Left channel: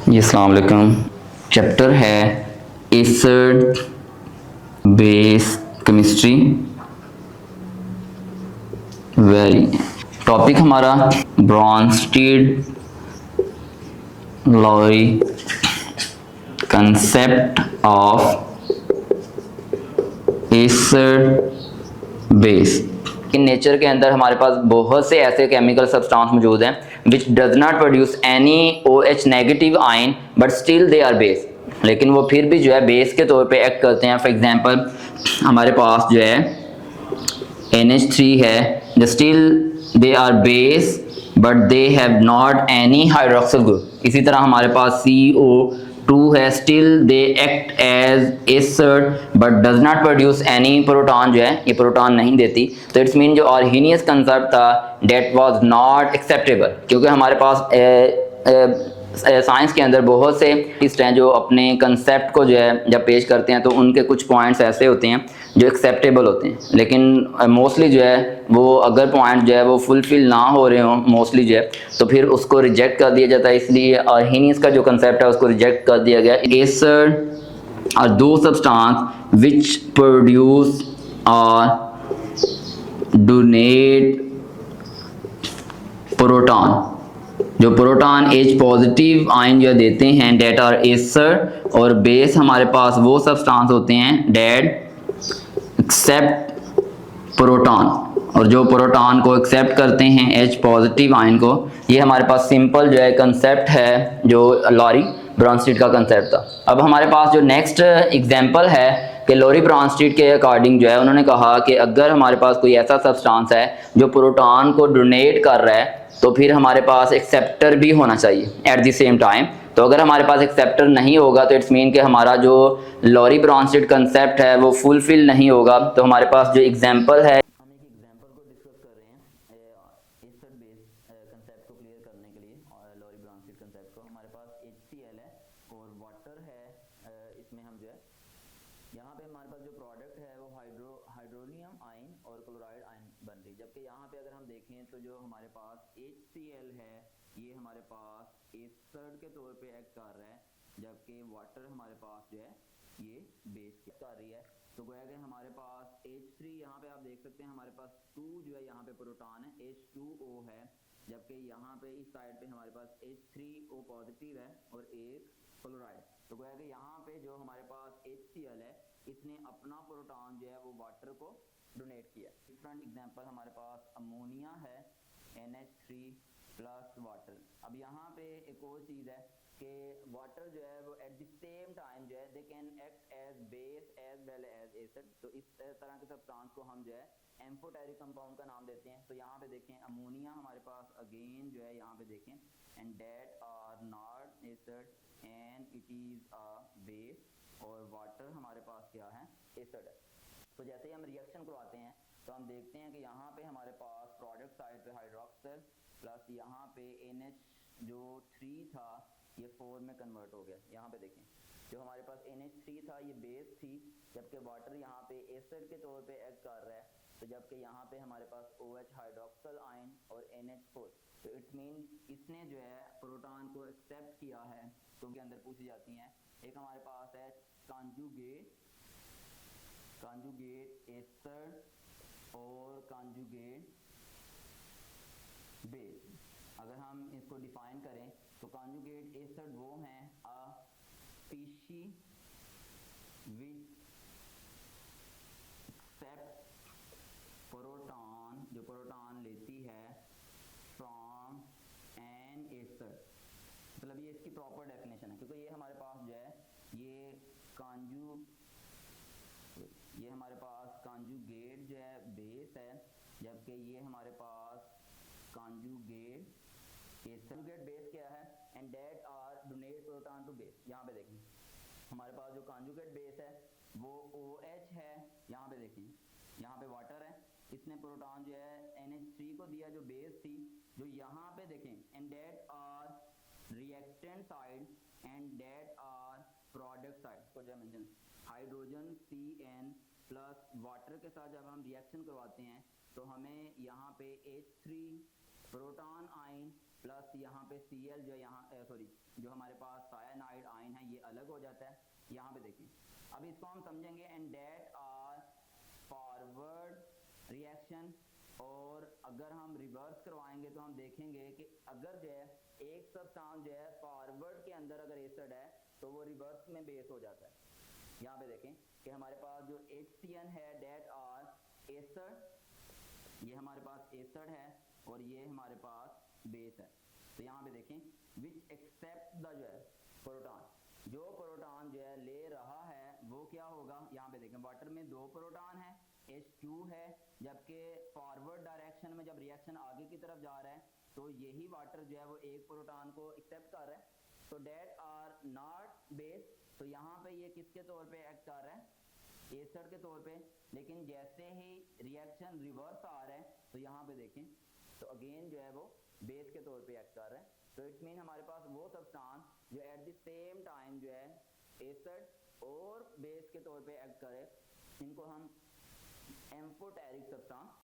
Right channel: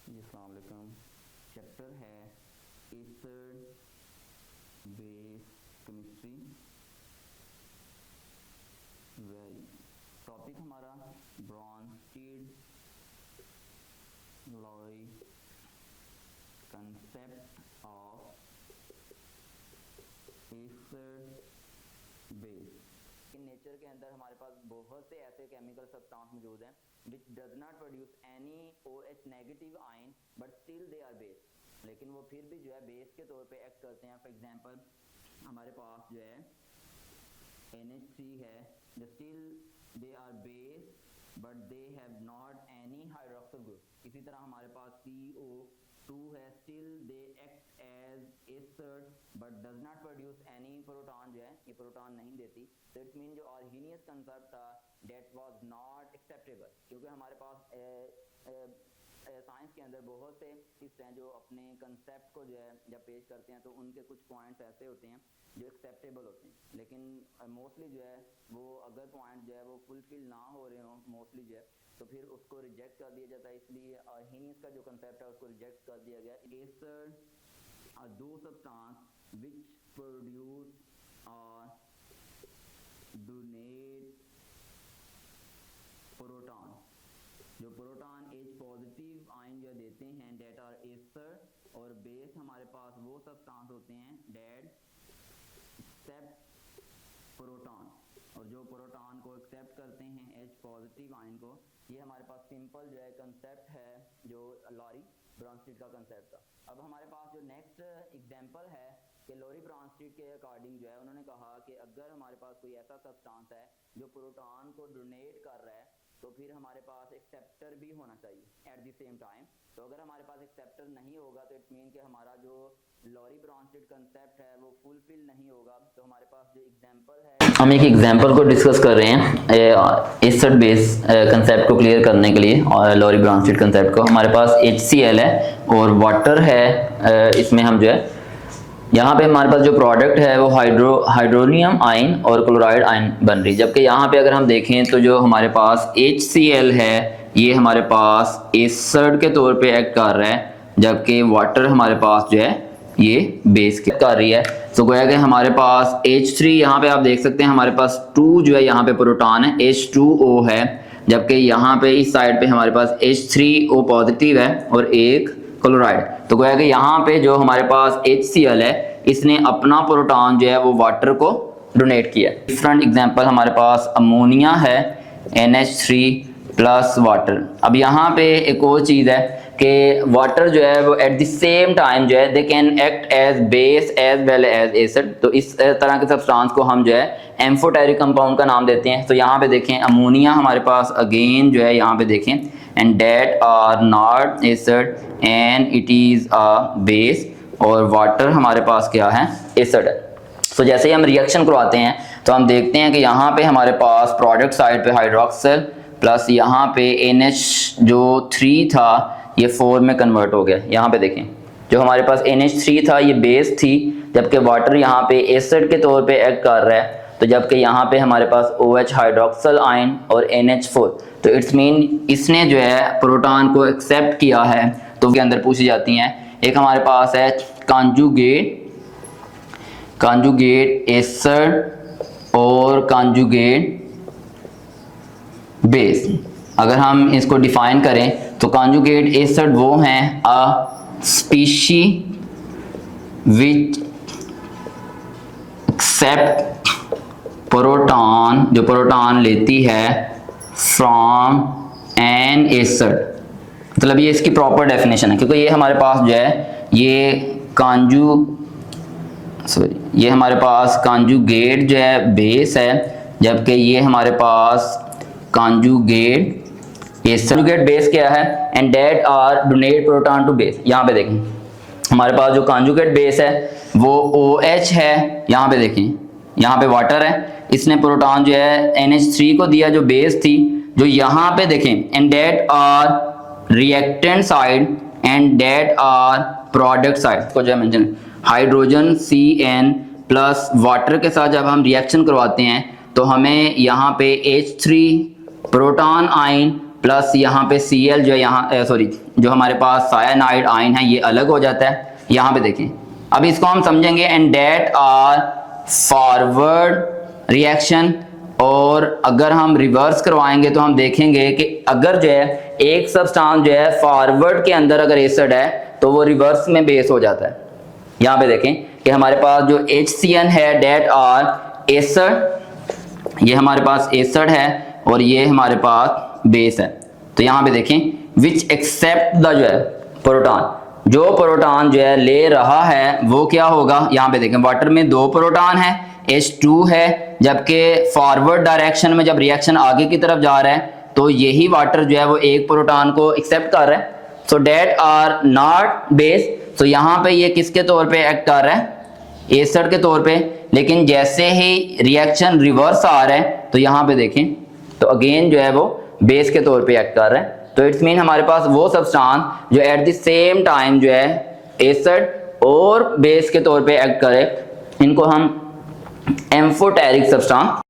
जी अस्सलाम वालेकुम। चैप्टर है acid base chemistry. Very topic हमारा Bronsted Lowry concept of acid base. इन नेचर के अंदर हमारे पास बहुत से ऐसे केमिकल सब्सटेंस मौजूद हैं which does not produce any OH negative ion but still they are base, लेकिन वो फिर भी जो है बेस के तौर पे एक्ट करते हैं। फॉर एग्जांपल हमारे पास जो है NH3 है, the still they are base but they have not any hydroxyl group. इसी तरह हमारे पास CO2 है, still they act as acid but does not produce any proton, जो है ये प्रोटॉन नहीं देती। तो इट्स मीन जो आर्हीनियस कंसेप्ट था डेट वाज नॉट एक्सेप्टेबल, क्योंकि हमारे पास साइंस के अंदर बहुत से इस हैं जो अपने कंसेप्ट को जो है जब पेश करते हैं तो उनके कुछ पॉइंट्स ऐसे होते हैं जो एक्सेप्टेबल होते हैं, लेकिन मोस्टली जो है वो अगर पॉइंट जो है वो फुलफिल ना हो रहे हों मोस्टली जो है तो फिर उसको रिजेक्ट कर दिया जाता है। इसलिए आर्हीनियस का जो कंसेप्ट है उसको रिजेक्ट कर दिया गया। एसिड आर दो सब्सटेंस विच प्रोड्यूस और डोनेट प्रोटॉन, जो प्रोटॉन H पॉजिटिव आयन जो देते हैं डेट आर एसिड, और बेस हमारे पास वो सब्सटेंस होते हैं डेट एक्सेप्ट प्रोटॉन, और जो प्रोटॉन को एक्सेप्ट करते हैं H पॉजिटिव आयन को। ये हमारे पास सिंपल जो है कंसेप्ट है जो लॉरी ब्रॉन्स्टीड का कंसेप्ट था। अब हमारे पास जो नेक्स्ट एग्जांपल है कि लॉरी ब्रॉन्स्टीड के अकॉर्डिंग जो है उन्होंने कहा कि अगर हमारे पास कोई ऐसा सब्सटेंस है जो प्रोटॉन को डोनेट कर रहा है तो फिर हमारे पास एक्सेप्टर भी होना चाहिए एट द सेम टाइम। तो अगर हमारे पास एक्सेप्टर नहीं होगा तो इट्स मीन कि हमारा जो लॉरी ब्रॉन्स्टीड कंसेप्ट है वो फुलफिल नहीं होगा। तो हमारे पास जो एग्जांपल है, हम एक एग्जांपल को डिस्कस कर रहे हैं एसिड बेस कंसेप्ट को क्लियर करने के लिए, और लॉरी ब्रॉन्स्टीड कंसेप्ट को। हमारे पास HCl है और वाटर है, इसमें हम जो है यहाँ पे हमारे पास जो प्रोडक्ट है वो हाइड्रोनियम आयन और क्लोराइड आयन बन रही है। जबकि यहाँ पे अगर हम देखें तो जो हमारे पास HCl है ये हमारे पास एसिड के तौर पे एक्ट कर रहा है, जबकि वाटर हमारे पास जो है ये बेस के कर रही है। तो गोया कि हमारे पास H3 यहाँ पे आप देख सकते हैं हमारे पास 2 जो है यहाँ पे प्रोटॉन है H2O है, जबकि यहाँ पे इस साइड पे हमारे पास H3O पॉजिटिव है और एक क्लोराइड। तो गोया कि यहाँ पे जो हमारे पास HCl है इसने अपना प्रोटॉन जो है वो वाटर को डोनेट किया। डिफरेंट एग्जांपल हमारे पास अमोनिया है NH3 प्लस वाटर। अब यहाँ पे एक और चीज़ है कि वाटर जो है वो एट द सेम टाइम जो है they can act as base as well as acid. तो इस तरह के सब्सटेंस को हम जो है एम्फोटेरिक कंपाउंड का नाम देते हैं। तो यहाँ पे देखें अमोनिया हमारे पास अगेन जो है यहाँ पे देखें and that are not acid and it is a base, और वाटर हमारे पास क्या है एसिड है। तो जैसे ही हम रिएक्शन करवाते हैं तो हम देखते हैं कि यहाँ पे हमारे पास प्रोडक्ट साइड पे हाइड्रोक्सिल प्लस यहाँ पे NH जो 3 था ये 4 में कन्वर्ट हो गया। यहाँ पे देखें जो हमारे पास NH3 था ये बेस थी, जबकि वाटर यहाँ पे एसिड के तौर पे एक्ट कर रहा है। तो जबकि यहाँ पे हमारे पास OH हाइड्रोक्सिल आयन और NH4, तो इट्स मीन इसने जो है प्रोटॉन को एक्सेप्ट किया है। तो उसके अंदर पूछी जाती हैं, एक हमारे पास है कॉन्जुगेट एसिड और कॉन्जुगेट बेस। अगर हम इसको डिफाइन करें तो कॉन्जुगेट एसिड वो हैं a species which accept proton, जो प्रोटॉन लेती है फ्रॉम एन एसिड। मतलब ये इसकी प्रॉपर डेफिनेशन है, क्योंकि ये हमारे पास जो है ये हमारे पास कॉन्जुगेट जो है बेस है, जबकि ये हमारे पास कॉन्जुगेट एसिड बेस क्या है and that are donate proton to base. यहाँ पे देखें हमारे पास जो कॉन्जुगेट बेस है वो OH है, यहाँ पे देखें यहाँ पे वाटर है, इसने प्रोटॉन जो है NH3 को दिया जो बेस थी। जो यहाँ पे देखें and that are reactant side and that are product side को जो है mention hydrogen CN plus water के साथ जब हम रिएक्शन करवाते हैं तो हमें यहाँ पे H3 प्रोटॉन आयन प्लस यहाँ पे Cl जो है यहाँ सॉरी जो हमारे पास सायानाइड आयन है ये अलग हो जाता है। यहाँ पे देखें, अब इसको हम समझेंगे and that are forward reaction. और अगर हम रिवर्स करवाएंगे तो हम देखेंगे कि अगर जो है एक सब्सटेंस जो है फॉरवर्ड के अंदर अगर एसिड है तो वो रिवर्स में बेस हो जाता है। यहाँ पे देखें कि हमारे पास जो HCN है डेट आर एसिड, ये हमारे पास एसिड है और ये हमारे पास बेस है। तो यहाँ पे देखें विच एक्सेप्ट द जो है प्रोटॉन, जो प्रोटॉन जो है ले रहा है वो क्या होगा। यहाँ पे देखें वाटर में 2 प्रोटॉन है, H2 है, जबकि फॉरवर्ड डायरेक्शन में जब रिएक्शन आगे की तरफ जा रहा है तो यही वाटर जो है वो एक प्रोटॉन को एक्सेप्ट कर रहा है। सो डेट आर नॉट बेस, तो यहाँ पे ये किसके तौर पे एक्ट कर रहा है, एसिड के तौर पे। लेकिन जैसे ही रिएक्शन रिवर्स आ रहा है तो यहाँ पे देखें तो अगेन जो है वो बेस के तौर पे एक्ट कर रहा है। तो इट्स मीन हमारे पास वो सब्सटेंस जो एट द सेम टाइम जो है एसिड और बेस के तौर पे एक्ट करे, इनको हम एम्फोटेरिक सब्सटेंस